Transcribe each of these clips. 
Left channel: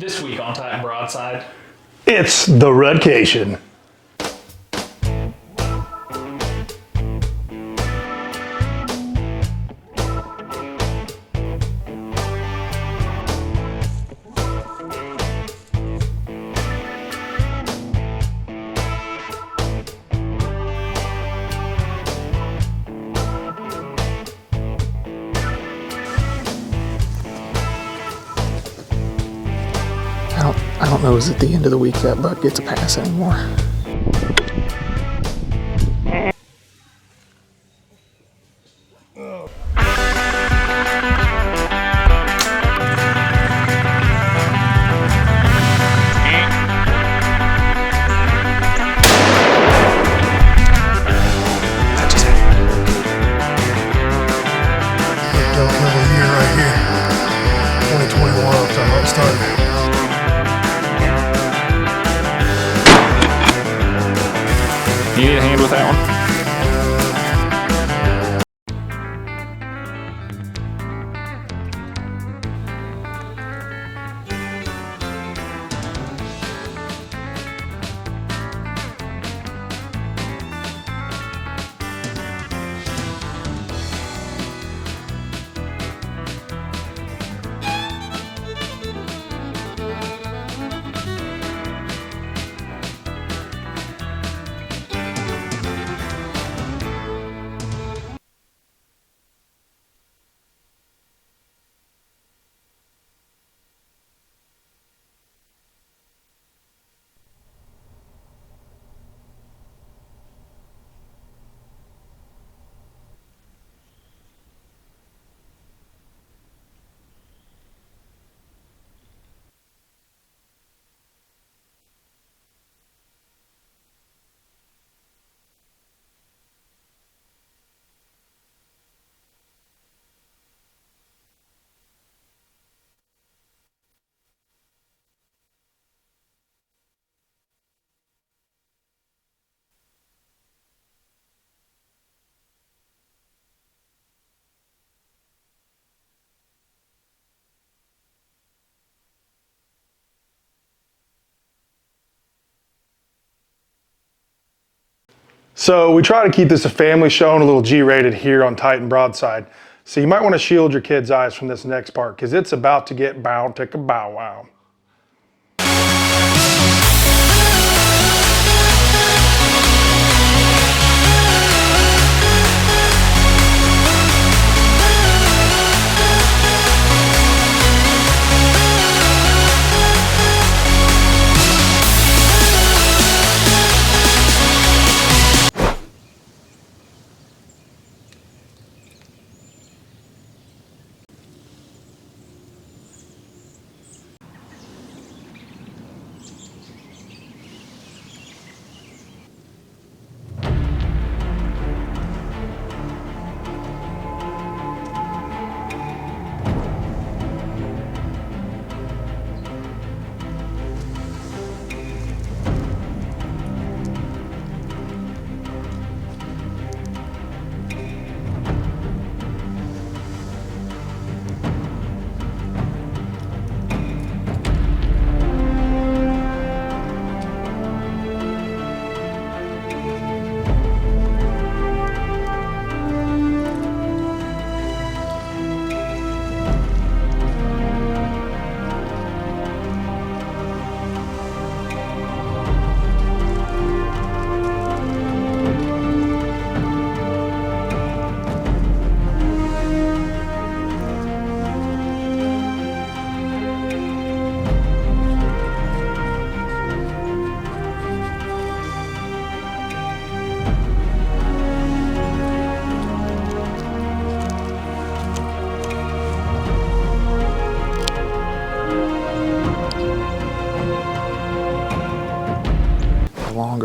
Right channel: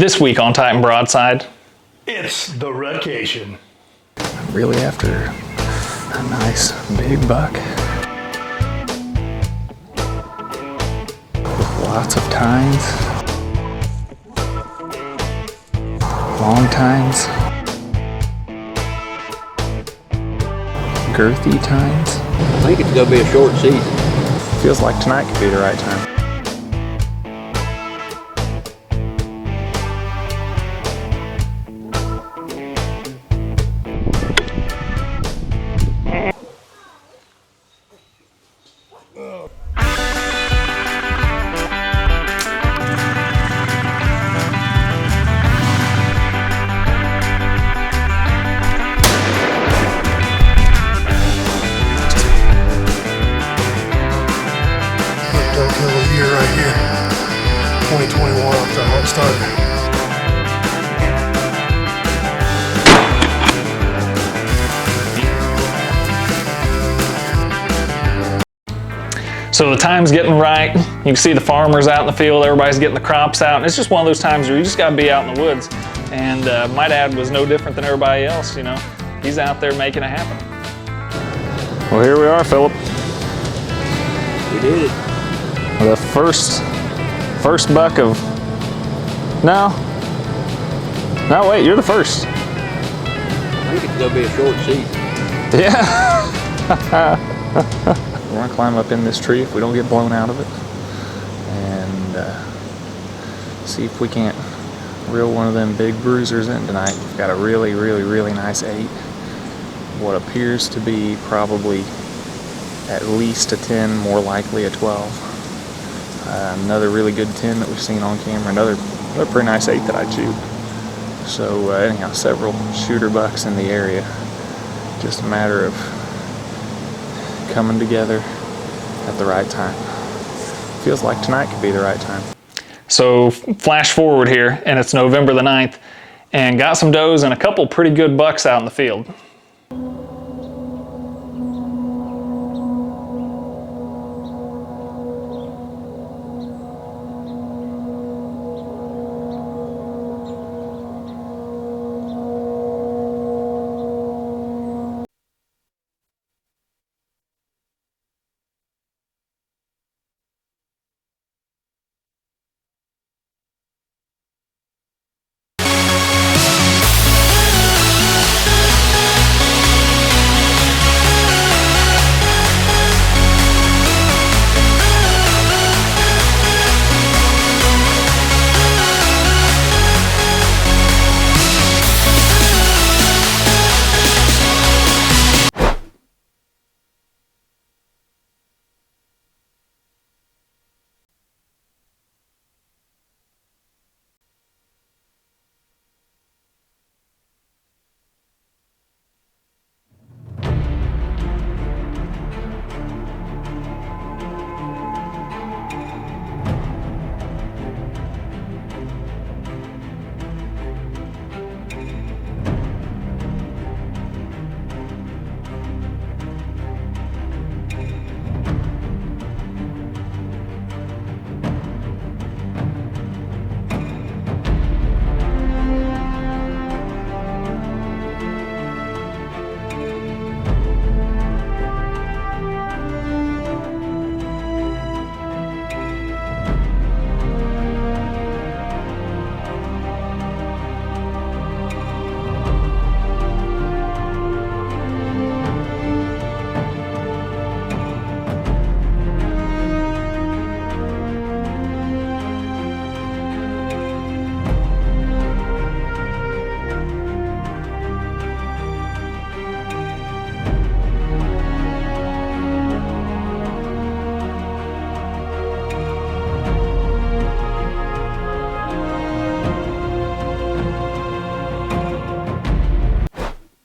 This week on Tight Broadside, it's the Rutcation. Really after a nice big buck. Lots of tines. Long tines. Girthy tines. I think it's gonna be a short season. Feels like tonight could be the right time. I don't know, is it the end of the week that buck gets a pass anymore? Downhill year right here. 2021 off to how it started. so the time's getting right. You can see the farmers out in the field, everybody's getting the crops out, and it's just one of those times where you just gotta be out in the woods. And my dad was no different than everybody else, you know. He's out there making it happen. Well, here we are, Philip. We did it. The first buck of, no, wait, you're the first. I think it's gonna be a short season. Yeah. We're gonna climb up in this tree if we don't get blown out of it, and see if we can't reel one of them big bruisers in tonight. We've got a really nice 8. What appears to be probably at least a 10, more likely a 12. Another really good 10 that we've seen on camera. Another pretty nice 8 that I chewed. So anyhow, several shooter bucks in the area. Just a matter of coming together at the right time. Feels like tonight could be the right time. So flash forward here, and it's November the 9th, and got some does and a couple pretty good bucks out in the field. So we try to keep this a family show and a little G-rated here on Tight Broadside. So you might want to shield your kids' eyes from this next part because it's about to get bow ticka bow wow.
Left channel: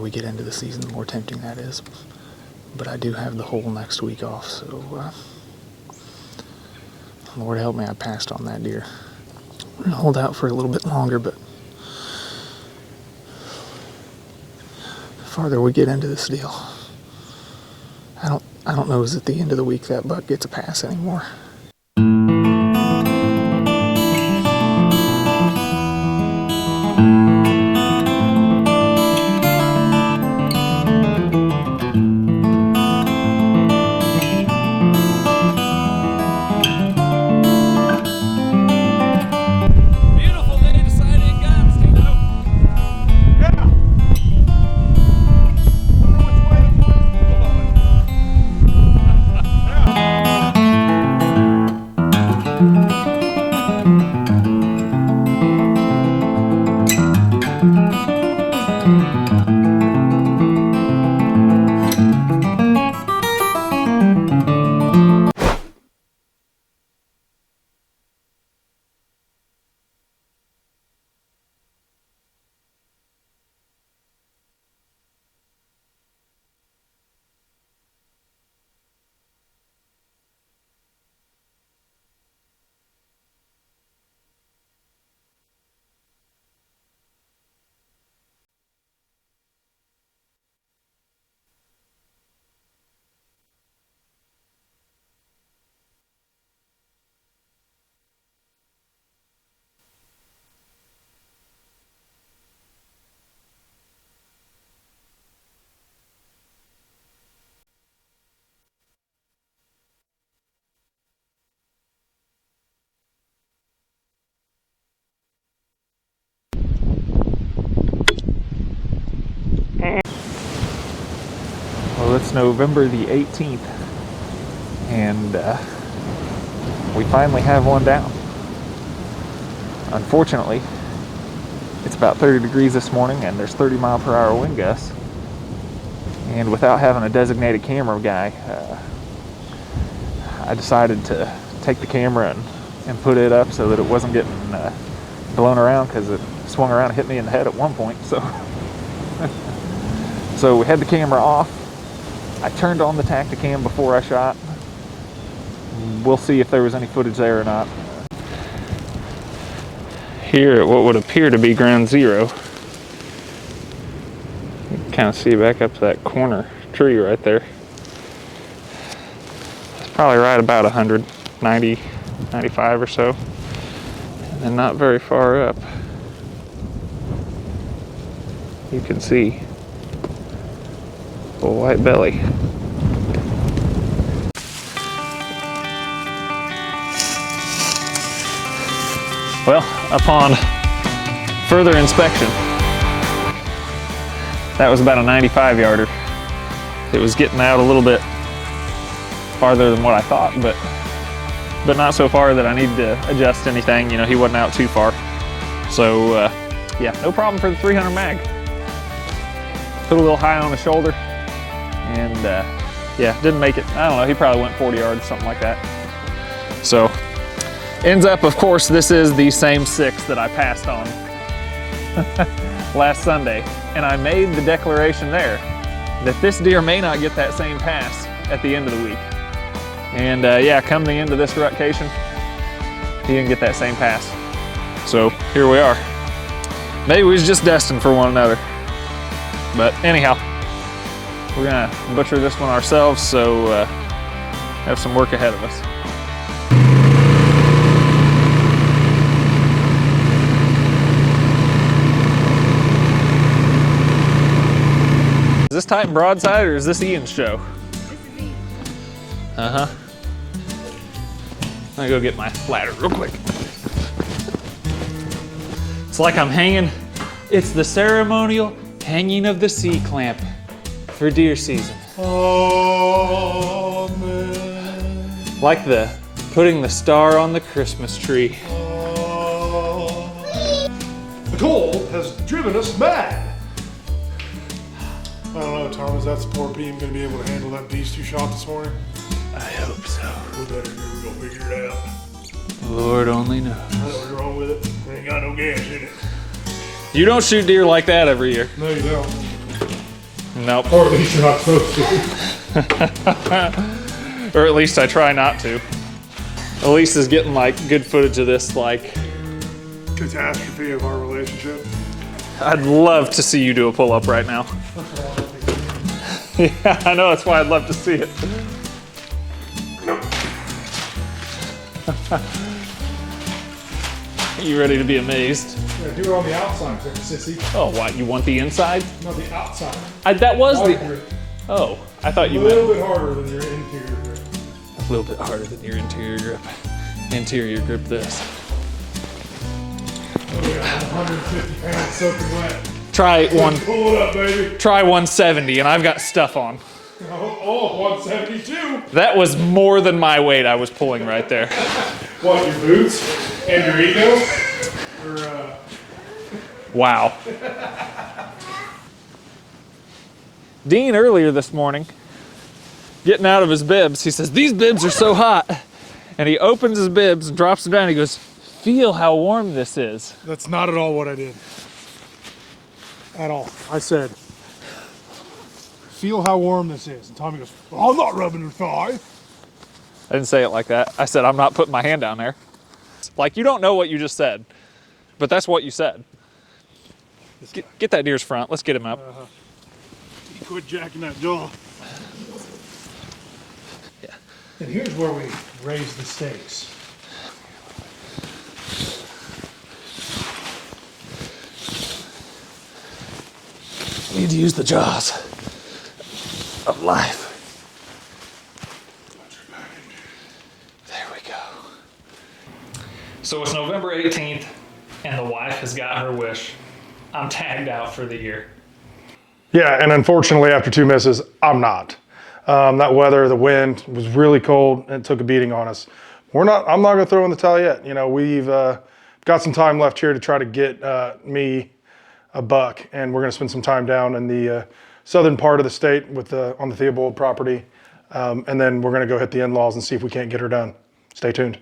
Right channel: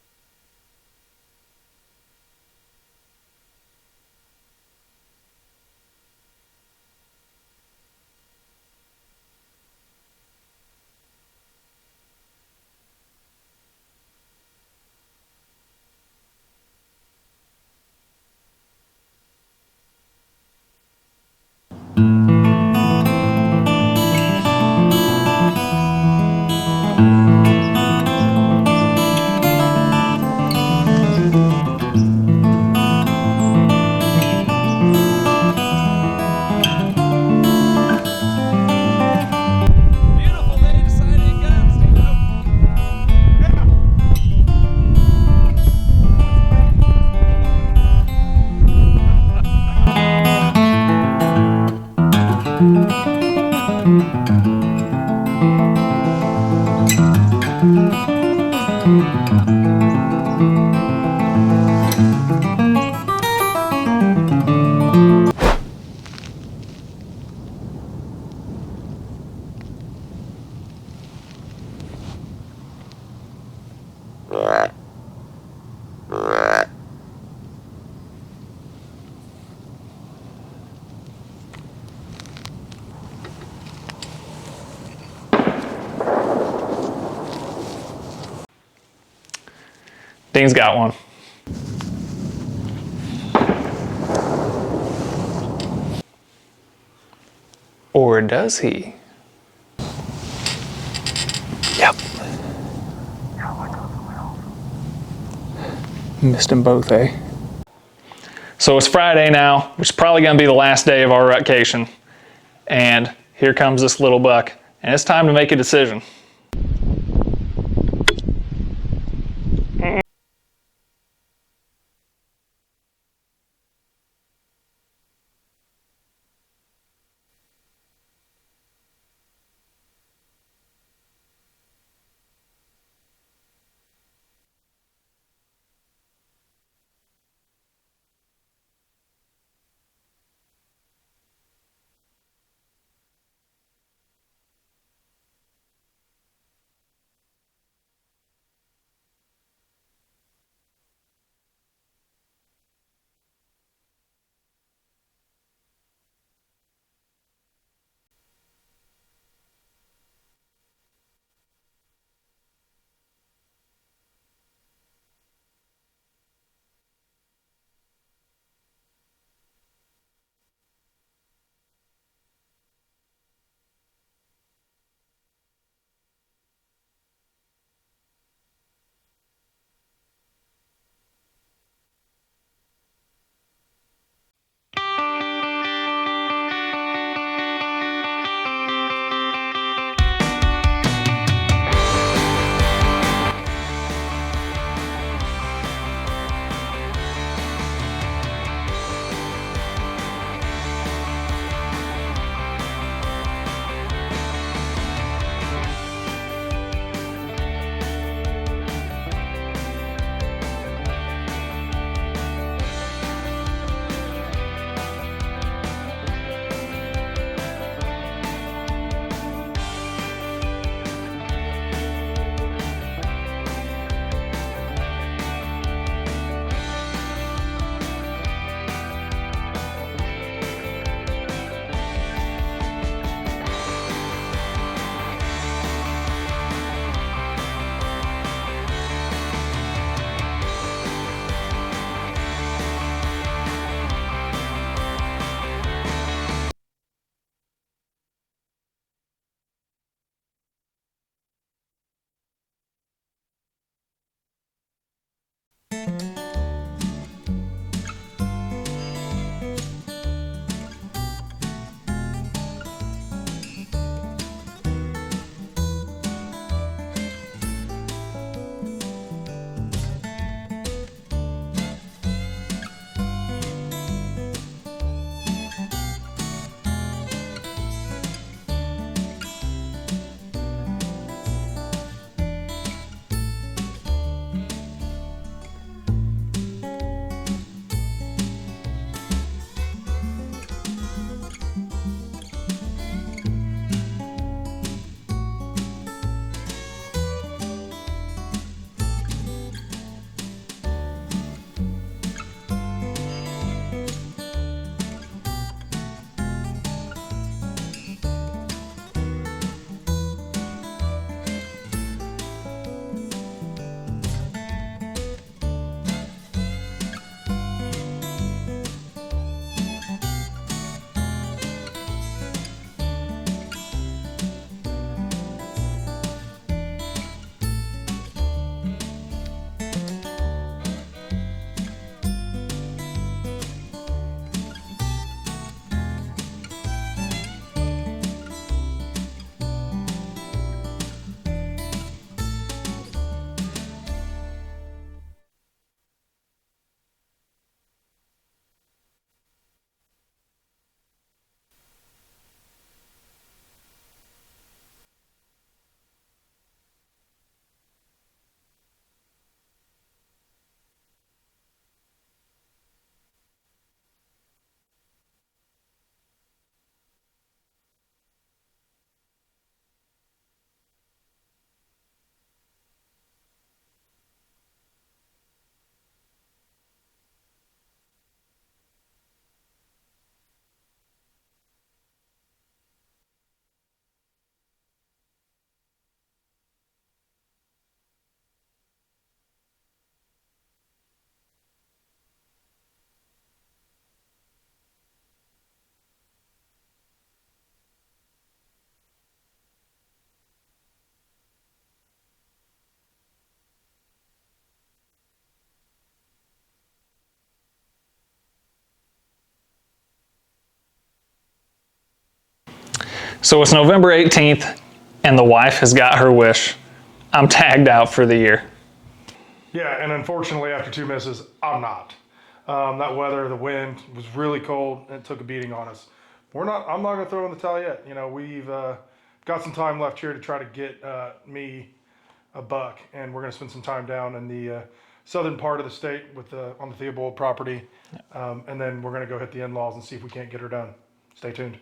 We get into the season, the more tempting that is. But I do have the whole next week off, so Lord help me, I passed on that deer. I'm gonna hold out for a little bit longer, but the farther we get into this deal, I don't know, is it the end of the week that buck gets a pass anymore? Dean's got one. Or does he? Yep. Missed them both, eh? So it's Friday now, which is probably gonna be the last day of our rutcation. And here comes this little buck. And it's time to make a decision. Well, it's November the 18th, and we finally have one down. Unfortunately, it's about 30 degrees this morning, and there's 30-mile-per-hour wind gusts. And without having a designated camera guy, I decided to take the camera and put it up so that it wasn't getting blown around, because it swung around and hit me in the head at one point. So we had the camera off. I turned on the Tacticam before I shot. We'll see if there was any footage there or not. Here at what would appear to be ground zero. You can kind of see back up to that corner tree right there. It's probably right about 190, 95 or so. And then not very far up, you can see a white belly. Well, upon further inspection, that was about a 95-yarder. It was getting out a little bit farther than what I thought, but not so far that I need to adjust anything. You know, he wasn't out too far. So, yeah, no problem for the 300 mag. Put a little high on the shoulder, and yeah, didn't make it. I don't know, he probably went 40 yards, something like that. So, ends up, of course, this is the same 6 that I passed on last Sunday. And I made the declaration there that this deer may not get that same pass at the end of the week. And yeah, come the end of this rutcation, he didn't get that same pass. So here we are. Maybe we was just destined for one another. But anyhow, we're gonna butcher this one ourselves, so have some work ahead of us. Is this Tight Broadside or is this Ian's show? Uh-huh. I'm gonna go get my ladder real quick. It's like I'm hanging, it's the ceremonial hanging of the C-clamp for deer season. Amen. Like the putting the star on the Christmas tree. The cold has driven us mad. I don't know, Tom, is that support beam going to be able to handle that beast you shot this morning? I hope so. We better go figure it out. Lord only knows. I know what's wrong with it. It ain't got no gas in it. You don't shoot deer like that every year. No, you don't. Nope. Or at least you're not supposed to. Or at least I try not to. Elise is getting like good footage of this, like, Catastrophe of our relationship. I'd love to see you do a pull-up right now. Yeah, I know, that's why I'd love to see it. You ready to be amazed? Yeah, do it on the outside, sissy. Oh, what, you want the inside? No, the outside. That was the... Oh, I thought you a meant... little bit harder than your interior grip. A little bit harder than your interior grip. Interior grip this. Oh, yeah, 150 pounds soaking wet. Try one... Pull it up, baby. Try 170, and I've got stuff on. Oh, 172. That was more than my weight I was pulling right there. What, your boots and your ego? Or, Wow. Dean earlier this morning, getting out of his bibs, he says, "These bibs are so hot." And he opens his bibs and drops them down. He goes, "Feel how warm this is." That's not at all what I did. At all. I said, "Feel how warm this is." And Tommy goes, "Well, I'm not rubbing your thigh." I didn't say it like that. I said, I'm not putting my hand down there. Like, you don't know what you just said, but that's what you said. Get that deer's front. Let's get him up. quit jacking that jaw. Yeah. And here's where we raise the stakes. Need to use the jaws of life. There we go. So it's November 18th, and the wife has got her wish. I'm tagged out for the year. Yeah, and unfortunately, after 2 misses, I'm not. That weather, the wind was really cold, and it took a beating on us. I'm not going to throw in the towel yet. You know, we've got some time left here to try to get me a buck, and we're going to spend some time down in the southern part of the state on the Theobald property, and then we're going to go hit the in-laws and see if we can't get her done. Stay tuned.